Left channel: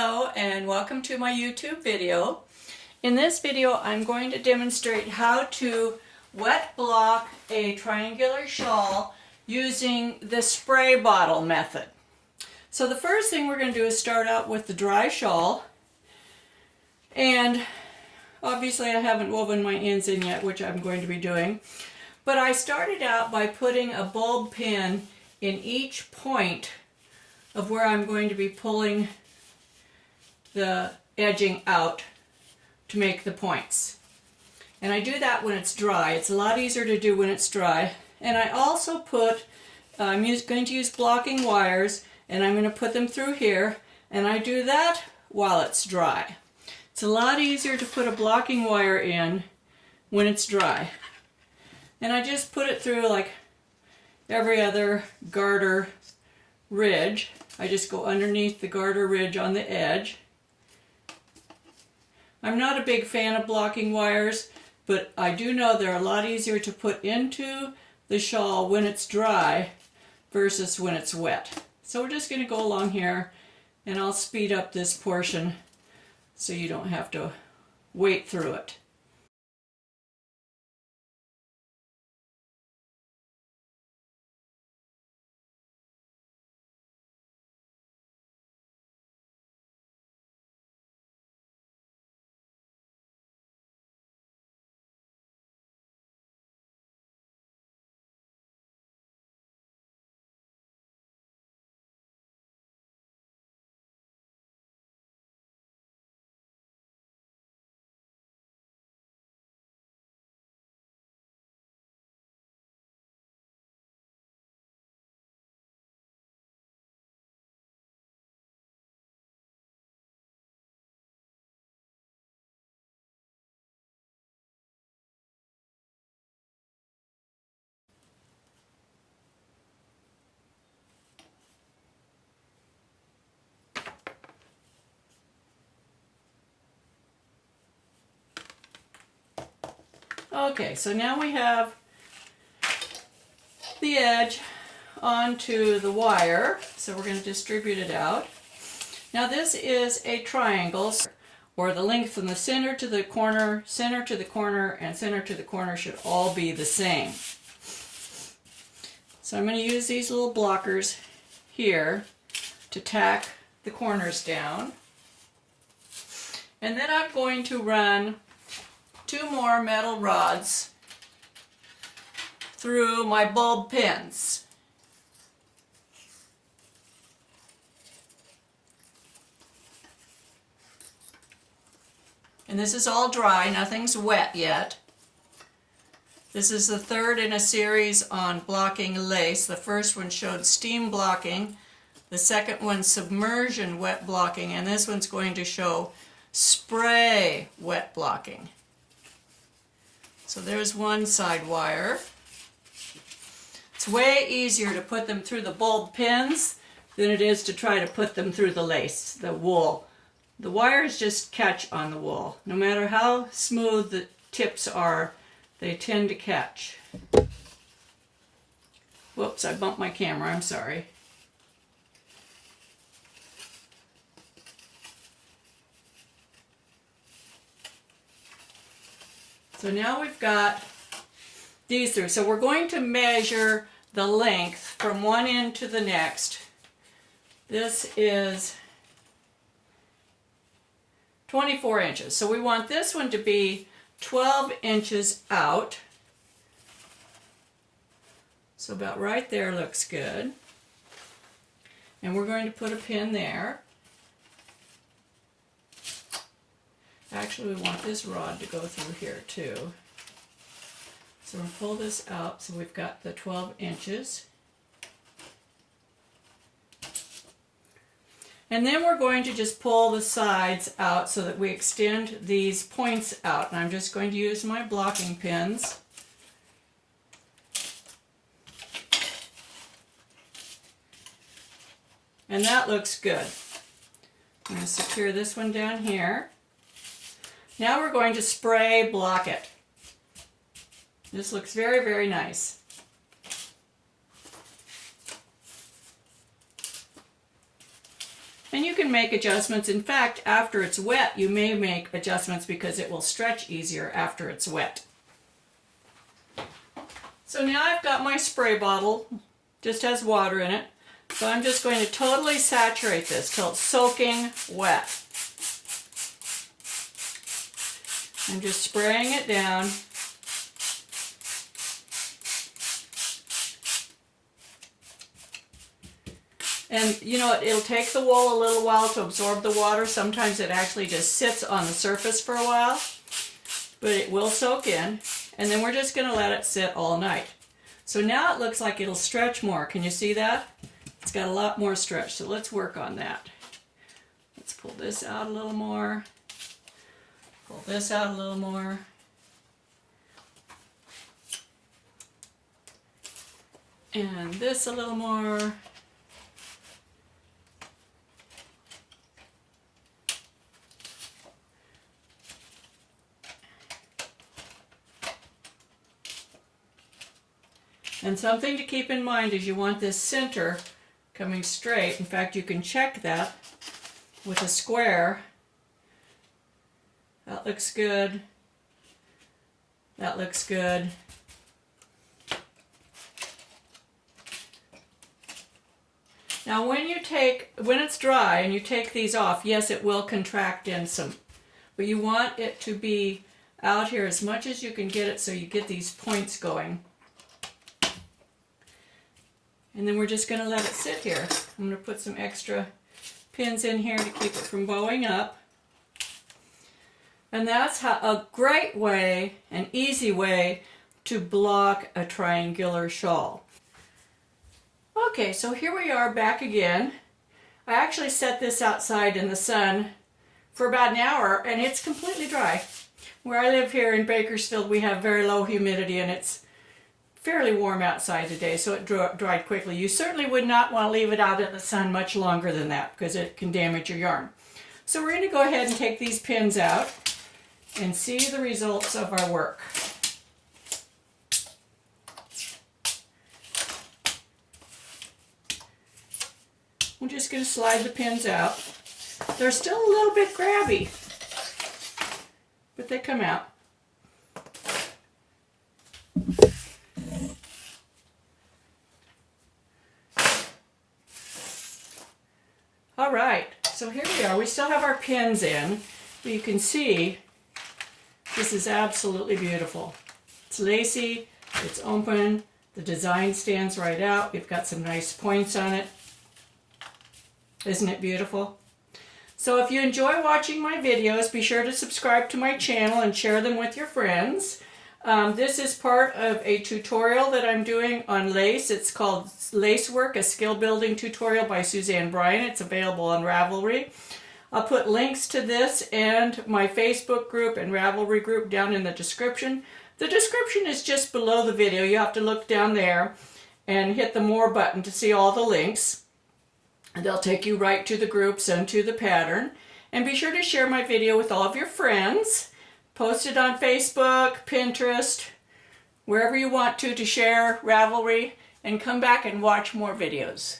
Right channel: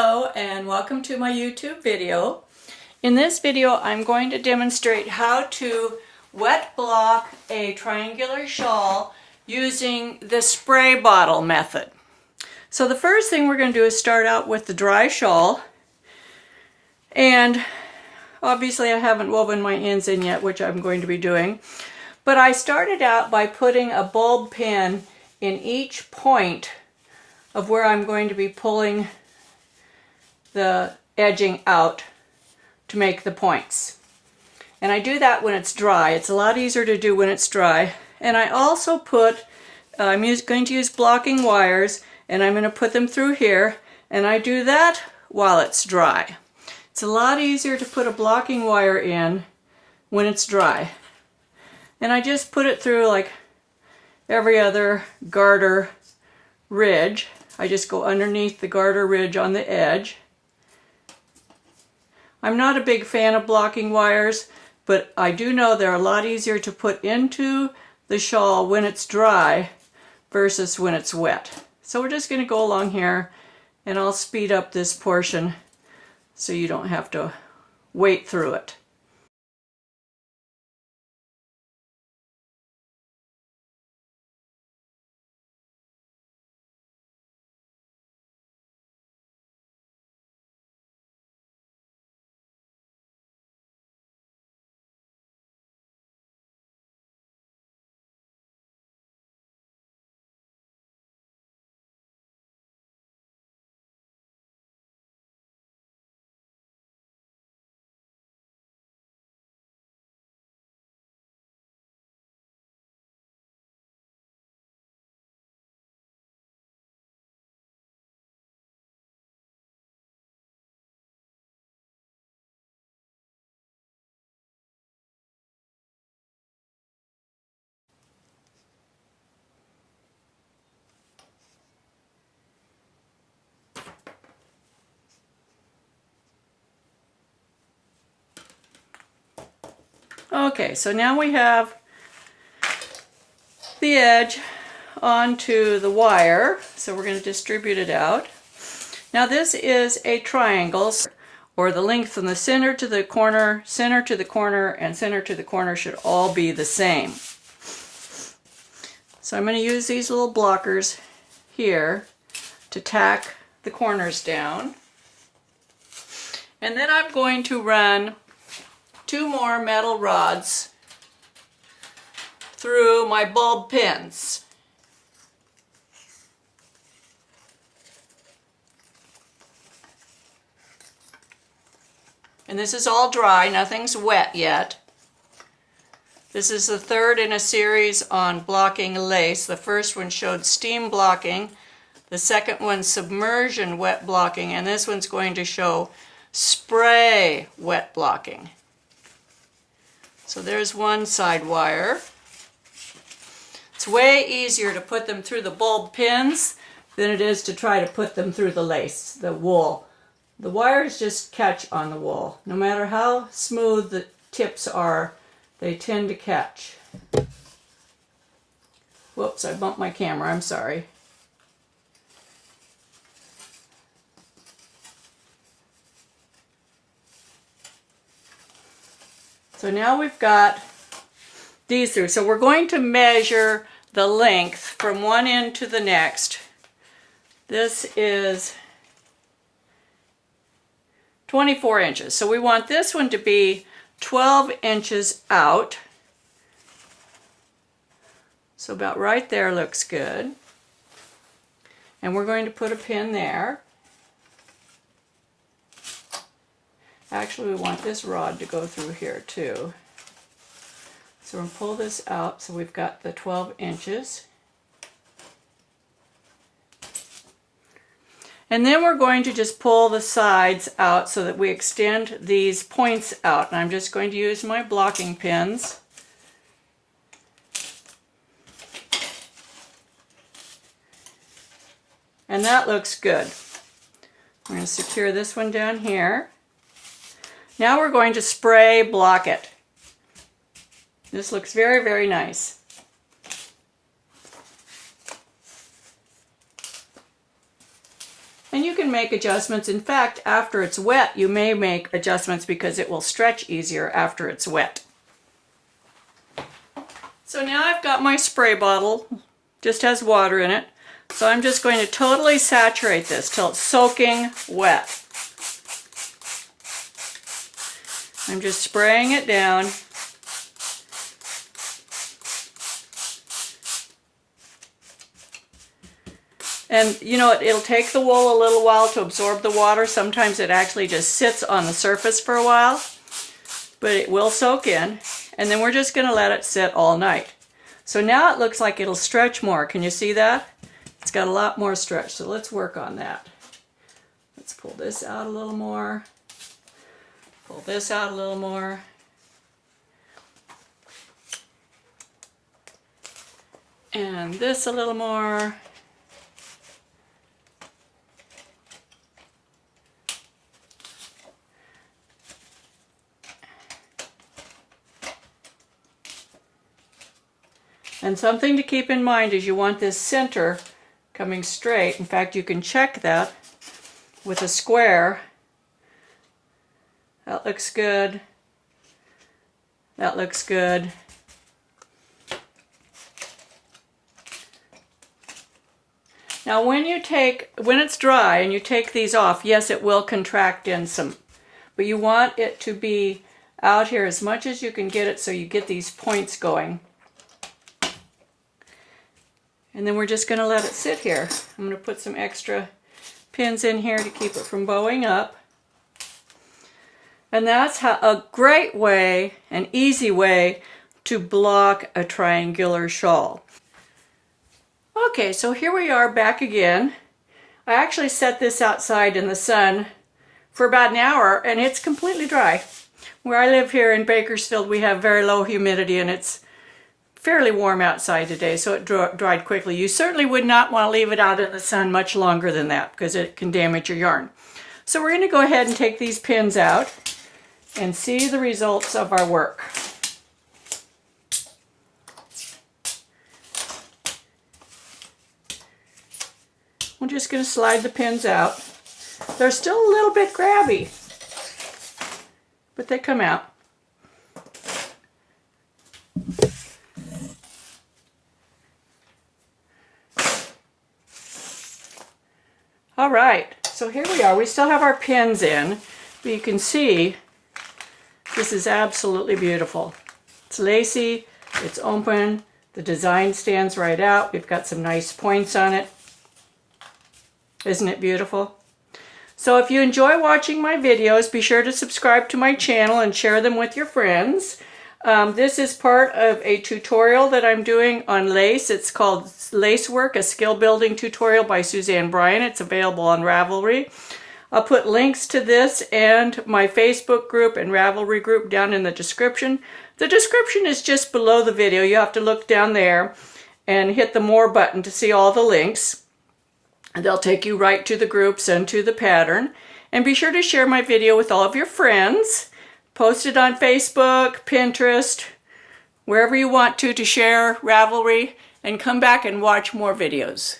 Hello and welcome to my YouTube video. In this video I'm going to demonstrate how to wet block a triangular shawl using the spray bottle method. So the first thing we're going to do is start out with the dry shawl, and obviously I haven't woven my ends in yet, which I'm going to be doing, but I started out by putting a bulb pin in each point of where I'm going to be pulling the edging out to make the points. And I do that when it's dry. It's a lot easier to do when it's dry. And I also put, I'm going to use blocking wires, and I'm going to put them through here, and I do that while it's dry. It's a lot easier to put a blocking wire in when it's dry. And I just put it through like every other garter ridge. I just go underneath the garter ridge on the edge. I'm not a big fan of blocking wires, but I do know they're a lot easier to put into the shawl when it's dry versus when it's wet. So we're just going to go along here, and I'll speed up this portion so you don't have to wait through it. Okay, so now we have the edge onto the wire, so we're going to distribute it out. Now this is a triangle, or the length from the center to the corner, and center to the corner should all be the same. So I'm going to use these little blockers here to tack the corners down. And then I'm going to run 2 more metal rods through my bulb pins. And this is all dry, nothing's wet yet. This is the third in a series on blocking lace. The first one showed steam blocking, the second one submersion wet blocking, and this one's going to show spray wet blocking. So there's one side wire. It's way easier to put them through the bulb pins than it is to try to put them through the lace, the wool. The wires just catch on the wool. No matter how smooth the tips are, they tend to catch. Whoops, I bumped my camera, I'm sorry. So now we've got these through. So we're going to measure the length from one end to the next. This is 24 inches. So we want this one to be 12 inches out. So about right there looks good. And we're going to put a pin there. Actually, we want this rod to go through here too. So we're going to pull this out so we've got the 12 inches. And then we're going to just pull the sides out so that we extend these points out. And I'm just going to use my blocking pins. And that looks good. I'm going to secure this one down here. Now we're going to spray block it. This looks very, very nice. And you can make adjustments. In fact, after it's wet, you may make adjustments because it will stretch easier after it's wet. So now I've got my spray bottle, just has water in it. So I'm just going to totally saturate this till it's soaking wet. I'm just spraying it down. And you know, it'll take the wool a little while to absorb the water. Sometimes it actually just sits on the surface for a while, but it will soak in. And then we're just going to let it sit all night. So now it looks like it'll stretch more. Can you see that? It's got a lot more stretch, so let's work on that. Let's pull this out a little more. Pull this out a little more. And this a little more. And something to keep in mind is you want this center coming straight. In fact, you can check that with a square. That looks good. That looks good. Now when it's dry and you take these off, yes, it will contract in some, but you want it to be out here as much as you can get it so you get these points going. And then we're just going to let it sit here. I'm going to put some extra pins in here to keep it from bowing up. And that's a great way, an easy way to block a triangular shawl. Okay, so here we are back again. I actually set this outside in the sun for about an hour and it's completely dry. Where I live here in Bakersfield, we have very low humidity and it's fairly warm outside today, so it dried quickly. You certainly would not want to leave it out in the sun much longer than that because it can damage your yarn. So we're going to go ahead and take these pins out and see the results of our work. We're just going to slide the pins out. They're still a little bit grabby, but they come out. All right, so here we are. We still have our pins in. You can see this is absolutely beautiful. It's lacy, it's open, the design stands right out. We've got some nice points on it. Isn't it beautiful? So if you enjoy watching my videos, be sure to subscribe to my channel and share them with your friends. This is part of a tutorial that I'm doing on lace. It's called Lace Work, a skill building tutorial by Suzanne Bryan. It's available on Ravelry. I'll put links to this and my Facebook group and Ravelry group down in the description. The description is just below the video. You have to look down there and hit the More button to see all the links. And they'll take you right to the groups and to the pattern. And be sure to share my video with all of your friends. Post it on Facebook, Pinterest, wherever you want to share Ravelry, and come back and watch more videos.